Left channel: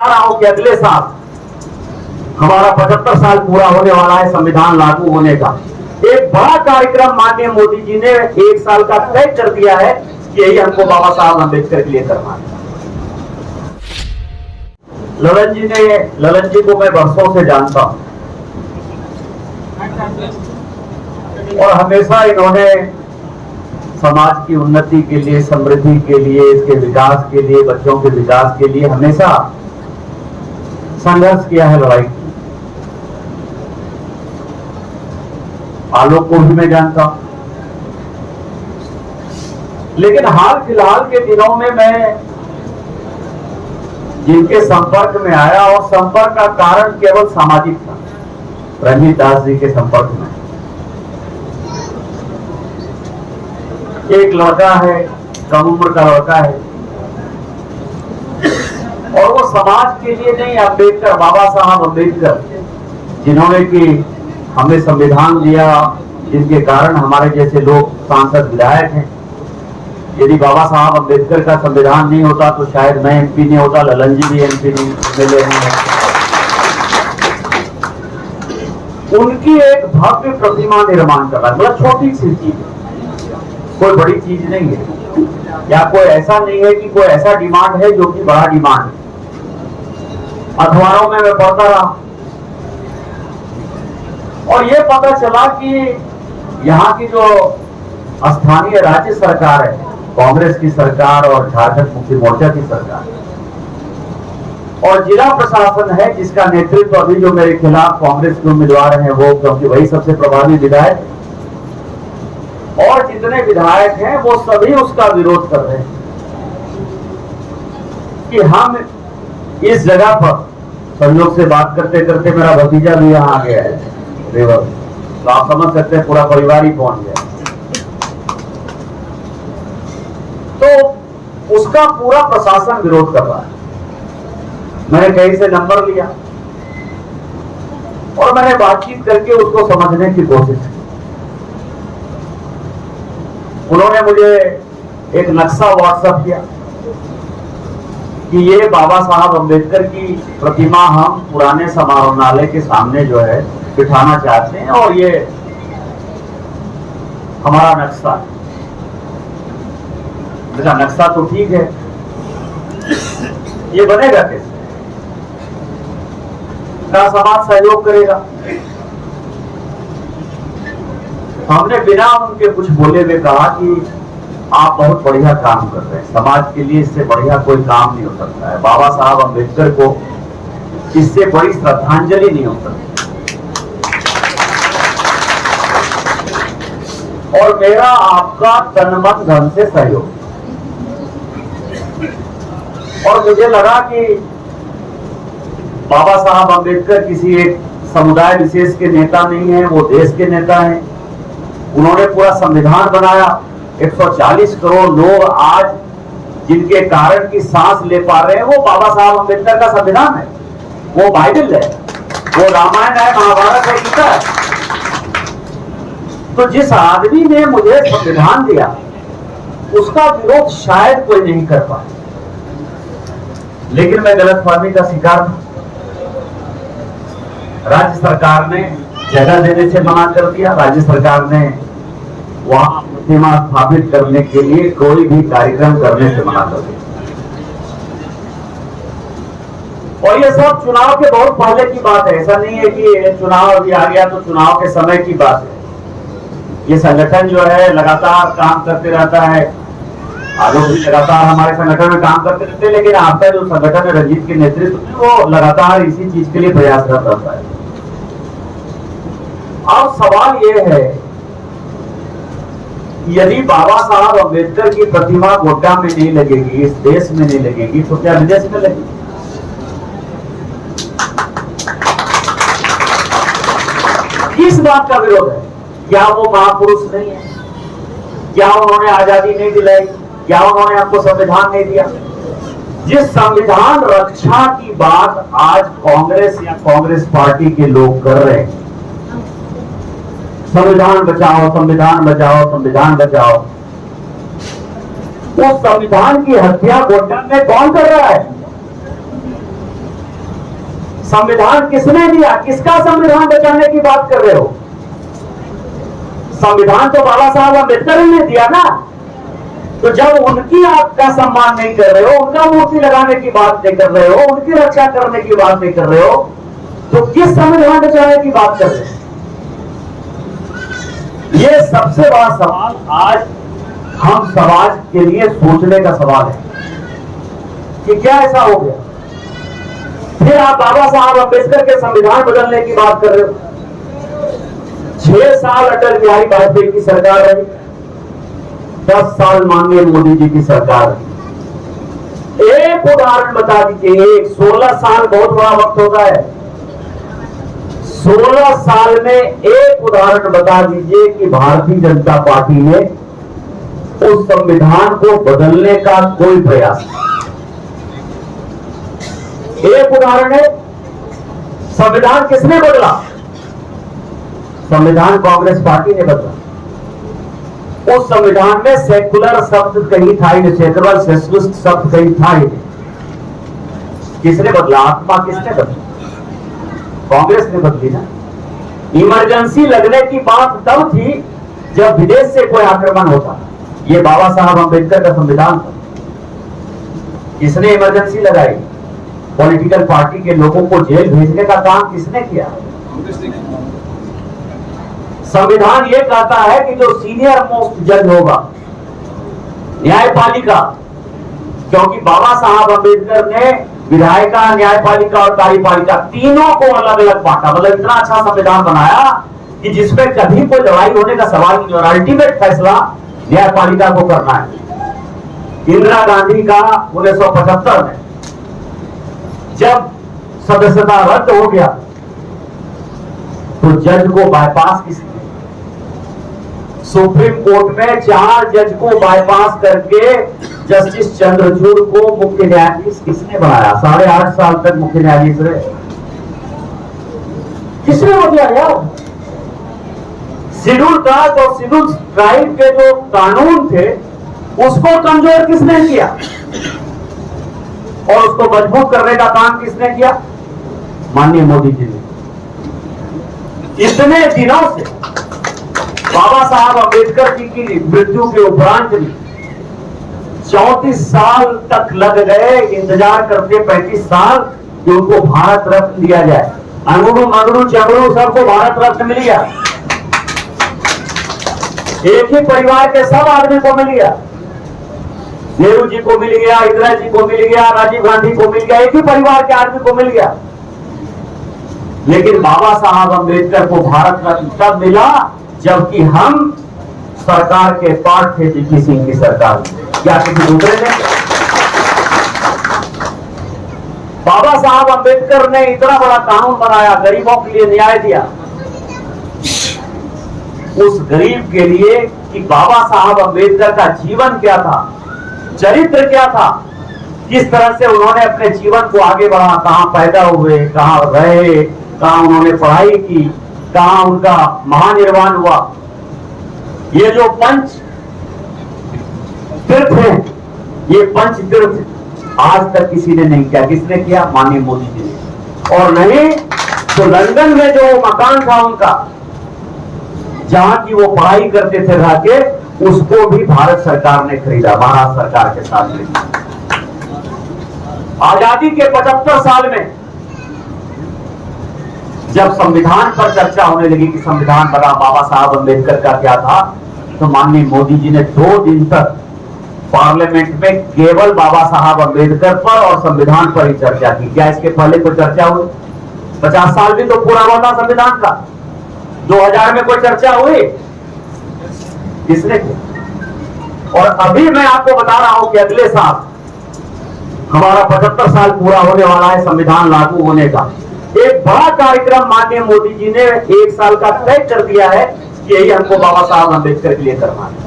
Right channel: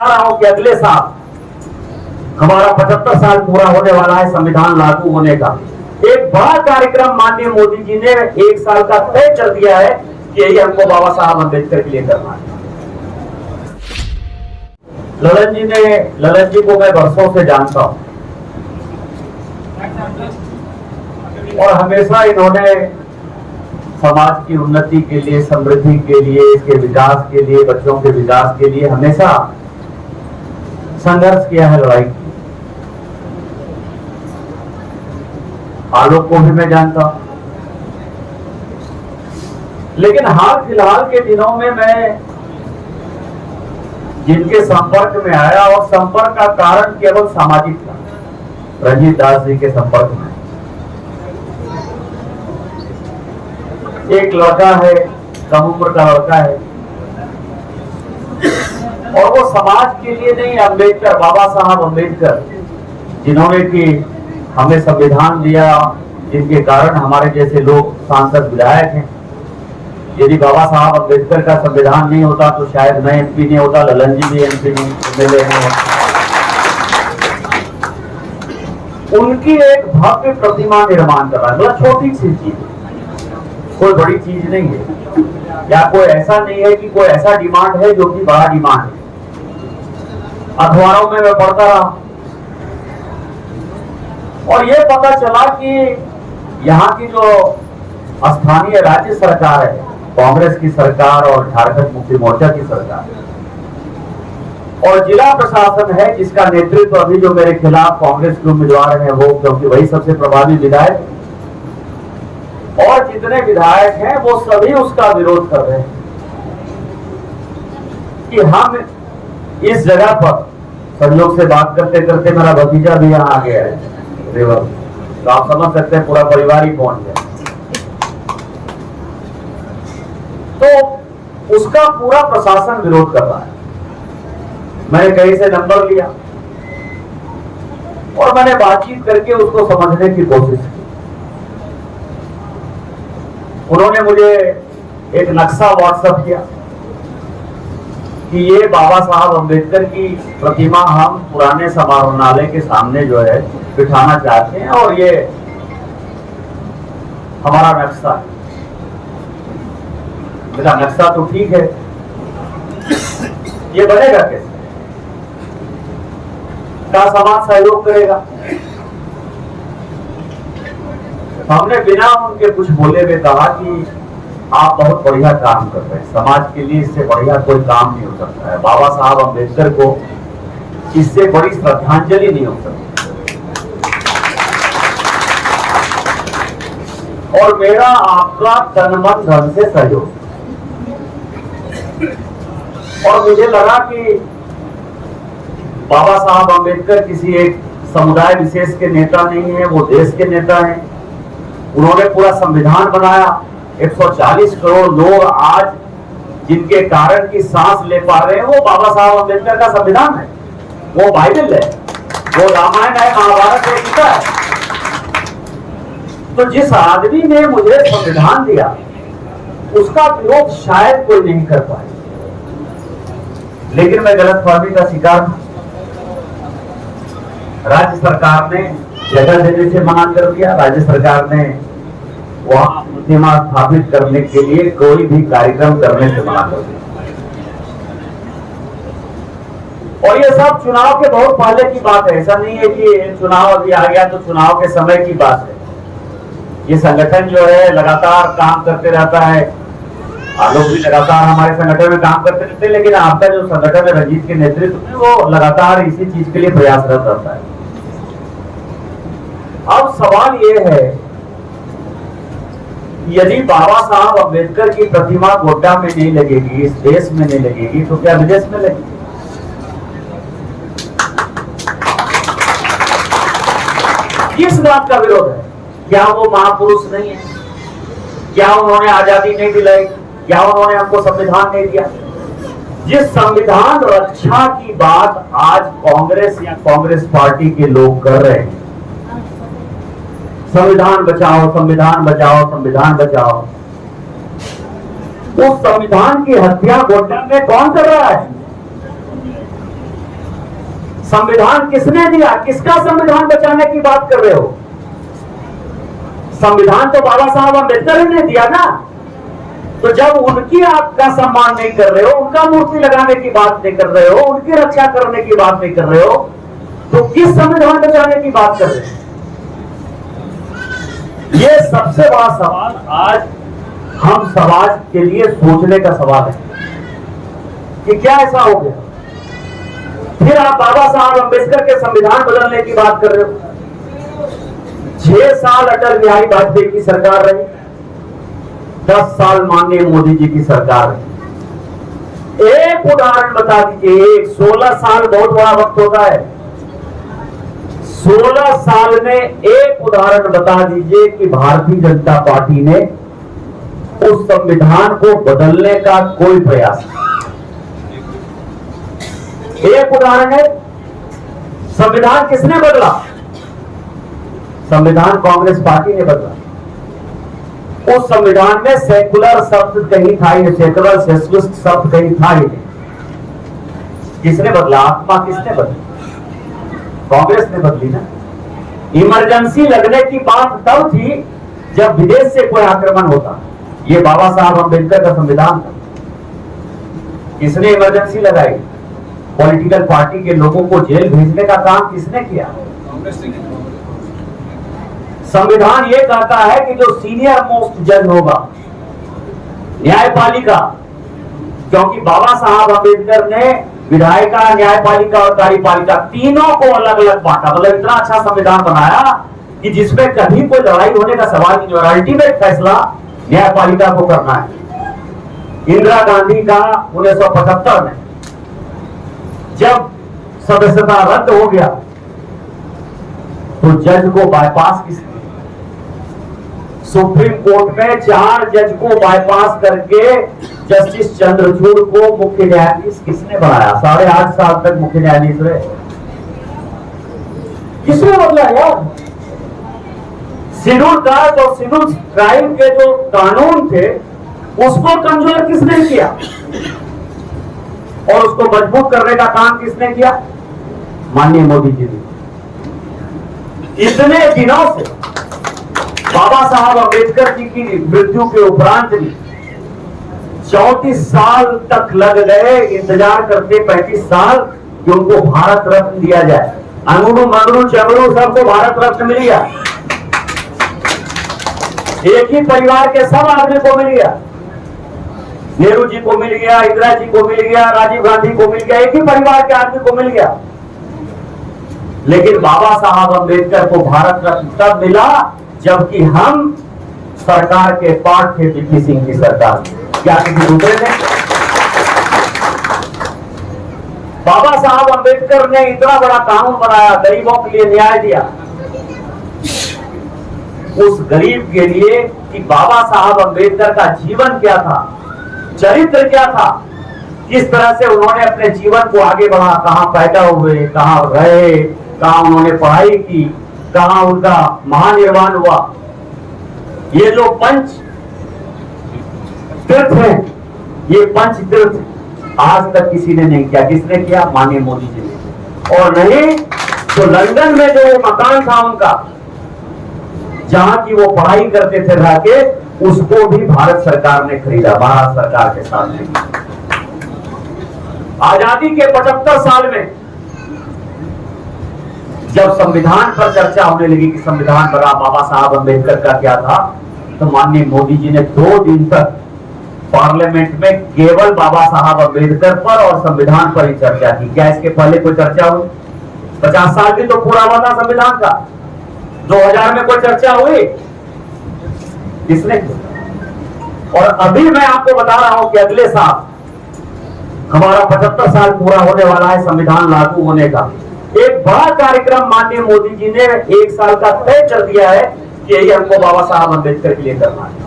रहा हूं कि अगले साल हमारा 75 साल पूरा होने वाला है संविधान लागू होने का। एक बड़ा कार्यक्रम माननीय मोदी जी ने 1 साल का तय कर दिया है कि यही हमको बाबा साहब अम्बेडकर के लिए करना है। ललन जी को मैं वर्षों से जानता हूं और हमेशा इन्होंने समाज की उन्नति के लिए, समृद्धि के लिए, इसके विकास के लिए, बच्चों के विकास के लिए हमेशा संघर्ष किया है, लड़ाई की। आलोक को भी मैं जानता हूं, लेकिन हाल फिलहाल के दिनों में मैं जिनके संपर्क में आया और संपर्क का कारण केवल सामाजिक था, रंजीत दास जी के संपर्क में। एक लड़का है, कम उम्र का लड़का है, और वो समाज के लिए नहीं, अम्बेडकर, बाबा साहब अम्बेडकर, जिन्होंने कि हमें संविधान दिया, जिनके कारण हमारे जैसे लोग सांसद विधायक हैं। यदि बाबा साहब अम्बेडकर का संविधान नहीं होता तो शायद मैं एमपी नहीं होता, ललन जी भी एमपी नहीं, एमएलए हैं। उनकी एक भव्य प्रतिमा निर्माण कर रहा है, मतलब छोटी सी चीज, कोई बड़ी चीज नहीं है, या कोई ऐसा नहीं है कि कोई ऐसा डिमांड है जो कि बड़ा डिमांड है। अखबारों में मैं पढ़ता रहा और ये पता चला कि यहाँ की जो स्थानीय राज्य सरकार है, कांग्रेस की सरकार और झारखंड मुक्ति मोर्चा की सरकार, और जिला प्रशासन है जिसका नेतृत्व अभी जो मेरे खिलाफ कांग्रेस के उम्मीदवार हैं वो, क्योंकि वही सबसे प्रभावी विधायक, और जितने विधायक हैं वो सभी उसका विरोध कर रहे हैं कि हम इस जगह पर, संयोग से बात करते करते मेरा भतीजा भी यहाँ आ गया है रेवर, तो आप समझ सकते हैं पूरा परिवार ही पहुंच गया, तो उसका पूरा प्रशासन विरोध कर रहा है। मैंने कहीं से नंबर लिया और मैंने बातचीत करके उसको समझने की कोशिश की। उन्होंने मुझे एक नक्शा व्हाट्सएप किया कि ये बाबा साहब अम्बेडकर की प्रतिमा हम पुराने समारोहनालय के सामने जो है बिठाना चाहते हैं, और ये हमारा नक्शा है। मेरा नक्शा तो ठीक है, ये बनेगा कैसे? क्या समाज सहयोग करेगा? हमने बिना उनके कुछ बोले हुए कहा कि आप बहुत बढ़िया काम कर रहे हैं, समाज के लिए इससे बढ़िया कोई काम नहीं हो सकता है, बाबा साहब अम्बेडकर को इससे बड़ी श्रद्धांजलि नहीं हो सकती। और मेरा आपका तन मन धन से सहयोग, और मुझे लगा कि बाबा साहब अम्बेडकर किसी एक समुदाय विशेष के नेता नहीं है, वो देश के नेता हैं। उन्होंने पूरा संविधान बनाया, 140 करोड़ लोग आज जिनके कारण की सांस ले पा रहे हैं वो बाबा साहब अम्बेडकर का संविधान है, वो बाइबल है, वो रामायण है, महाभारत और गीता है। तो जिस आदमी ने मुझे संविधान दिया उसका विरोध शायद कोई नहीं कर पाए, लेकिन मैं गलतफहमी का शिकार हूं। राज्य सरकार ने जगह देने से मना कर दिया, राज्य सरकार ने वहां प्रतिमा स्थापित करने के लिए कोई भी कार्यक्रम करने से मना कर दिया। और ये सब चुनाव के बहुत पहले की बात है, ऐसा नहीं है कि चुनाव अभी आ गया तो चुनाव के समय की बात है। ये संगठन जो है लगातार काम करते रहता है, आलोक भी लगातार हमारे संगठन में काम करते रहते हैं, लेकिन आपका जो संगठन है रंजीत के नेतृत्व में वो लगातार इसी चीज के लिए प्रयासरत रहता है। अब सवाल ये है, यदि बाबा साहब अम्बेडकर की प्रतिमा गोड्डा में नहीं लगेगी, इस देश में नहीं लगेगी, तो क्या विदेश में लगेगी? किस बात का विरोध है? क्या वो महापुरुष नहीं है? क्या उन्होंने आजादी नहीं दिलाई? क्या उन्होंने हमको संविधान नहीं दिया? जिस संविधान रक्षा की बात आज कांग्रेस या कांग्रेस पार्टी के लोग कर रहे हैं, संविधान बचाओ, संविधान बचाओ, संविधान बचाओ, उस संविधान की हत्या गोड्डा में कौन कर रहा है? संविधान किसने दिया? किसका संविधान बचाने की बात कर रहे हो? संविधान तो बाबा साहब अम्बेडकर ही ने दिया ना। तो जब उनकी आपका सम्मान नहीं कर रहे हो, उनका मूर्ति लगाने की बात नहीं कर रहे हो, उनकी रक्षा करने की बात नहीं कर रहे हो, तो किस संविधान बचाने की बात कर रहे हो? ये सबसे बड़ा सवाल आज हम समाज के लिए सोचने का सवाल है कि क्या ऐसा हो गया? फिर आप बाबा साहब अम्बेडकर के संविधान बदलने की बात कर रहे हो। 6 साल अटल बिहारी वाजपेयी की सरकार रही, 10 साल माननीय मोदी जी की सरकार रही। एक उदाहरण बता दीजिए, एक 16 साल बहुत बड़ा वक्त होता है। 16 साल में एक उदाहरण बता दीजिए कि भारतीय जनता पार्टी ने उस संविधान को बदलने का कोई प्रयास नहीं। एक उदाहरण है, संविधान किसने बदला? संविधान कांग्रेस पार्टी ने बदला। उस संविधान में सेकुलर शब्द कहीं था ही नहीं, सेकुलर सोशलिस्ट शब्द कहीं था ही नहीं। किसने बदला? आत्मा किसने बदली? कांग्रेस ने बदली ना। इमरजेंसी लगने की बात तब थी जब विदेश से कोई आक्रमण होता। ये बाबा साहब अम्बेडकर का संविधान था। किसने इमरजेंसी लगाई? पॉलिटिकल पार्टी के लोगों को जेल भेजने का काम किसने किया? संविधान ये कहता है कि जो सीनियर मोस्ट जज होगा, न्यायपालिका, क्योंकि बाबा साहब अम्बेडकर ने विधायिका, न्यायपालिका और कार्यपालिका तीनों को अलग अलग बांटा। मतलब इतना अच्छा संविधान बनाया कि जिसमें कभी कोई लड़ाई होने का सवाल नहीं और अल्टीमेट फैसला न्यायपालिका को करना है। इंदिरा गांधी का 1975 में जब सदस्यता रद्द हो गया तो जज को बाईपास किसने? सुप्रीम कोर्ट में 4 जज को बाईपास करके जस्टिस चंद्रचूड़ को मुख्य न्यायाधीश किसने बनाया? 8.5 साल तक मुख्य न्यायाधीश रहे। किसने बदला यार? शेड्यूल कास्ट और शेड्यूल ट्राइब के जो कानून थे उसको कमजोर किसने किया और उसको मजबूत करने का काम किसने किया? माननीय मोदी जी ने। इतने दिनों से बाबा साहब अम्बेडकर जी की मृत्यु के उपरांत भी 34 साल तक लग गए इंतजार करते, 35 साल कि उनको भारत रत्न दिया जाए। अंगड़ू मंगड़ू चगड़ू सबको भारत रत्न मिल गया। एक ही परिवार के सब आदमी को मिल गया। नेहरू जी को मिल गया, इंदिरा जी को मिल गया, राजीव गांधी को मिल गया, एक ही परिवार के आदमी को मिल गया। लेकिन बाबा साहब अम्बेडकर को भारत रत्न तब मिला जबकि हम सरकार के पार्ट थे, वीपी सिंह की सरकार। क्या किसी दूसरे ने? बाबा साहब अम्बेडकर ने इतना बड़ा कानून बनाया, गरीबों के लिए न्याय दिया। उस गरीब के लिए कि बाबा साहब अम्बेडकर का जीवन क्या था, चरित्र क्या था, किस तरह से उन्होंने अपने जीवन को आगे बढ़ा, कहां पैदा हुए, कहां रहे, कहां उन्होंने पढ़ाई की, कहां उनका महानिर्वाण हुआ। ये जो पंच तीर्थ हैं, ये पंच तीर्थ आज तक किसी ने नहीं किया। किसने किया? माननीय मोदी जी ने। और नहीं तो लंदन में जो मकान था उनका, जहां की वो पढ़ाई करते थे रह के, उसको भी भारत सरकार ने खरीदा, भारत सरकार के साथ में। आजादी के 75 साल में जब संविधान पर चर्चा होने लगी कि संविधान बना बाबा साहब अम्बेडकर का क्या था, तो माननीय मोदी जी ने 2 दिन तक पार्लियामेंट में केवल बाबा साहब अम्बेडकर पर और संविधान पर ही चर्चा की। क्या इसके पहले कोई चर्चा हुई? 50 साल भी तो पूरा हुआ था संविधान का। 2000 में कोई चर्चा हुई? किसने की? और अभी मैं आपको बता रहा हूं कि अगले साल हमारा 75 साल पूरा होने वाला है संविधान लागू होने का। एक बड़ा कार्यक्रम माननीय मोदी जी ने 1 साल का तय कर दिया है कि यही हमको बाबा साहब अम्बेडकर के लिए करना है।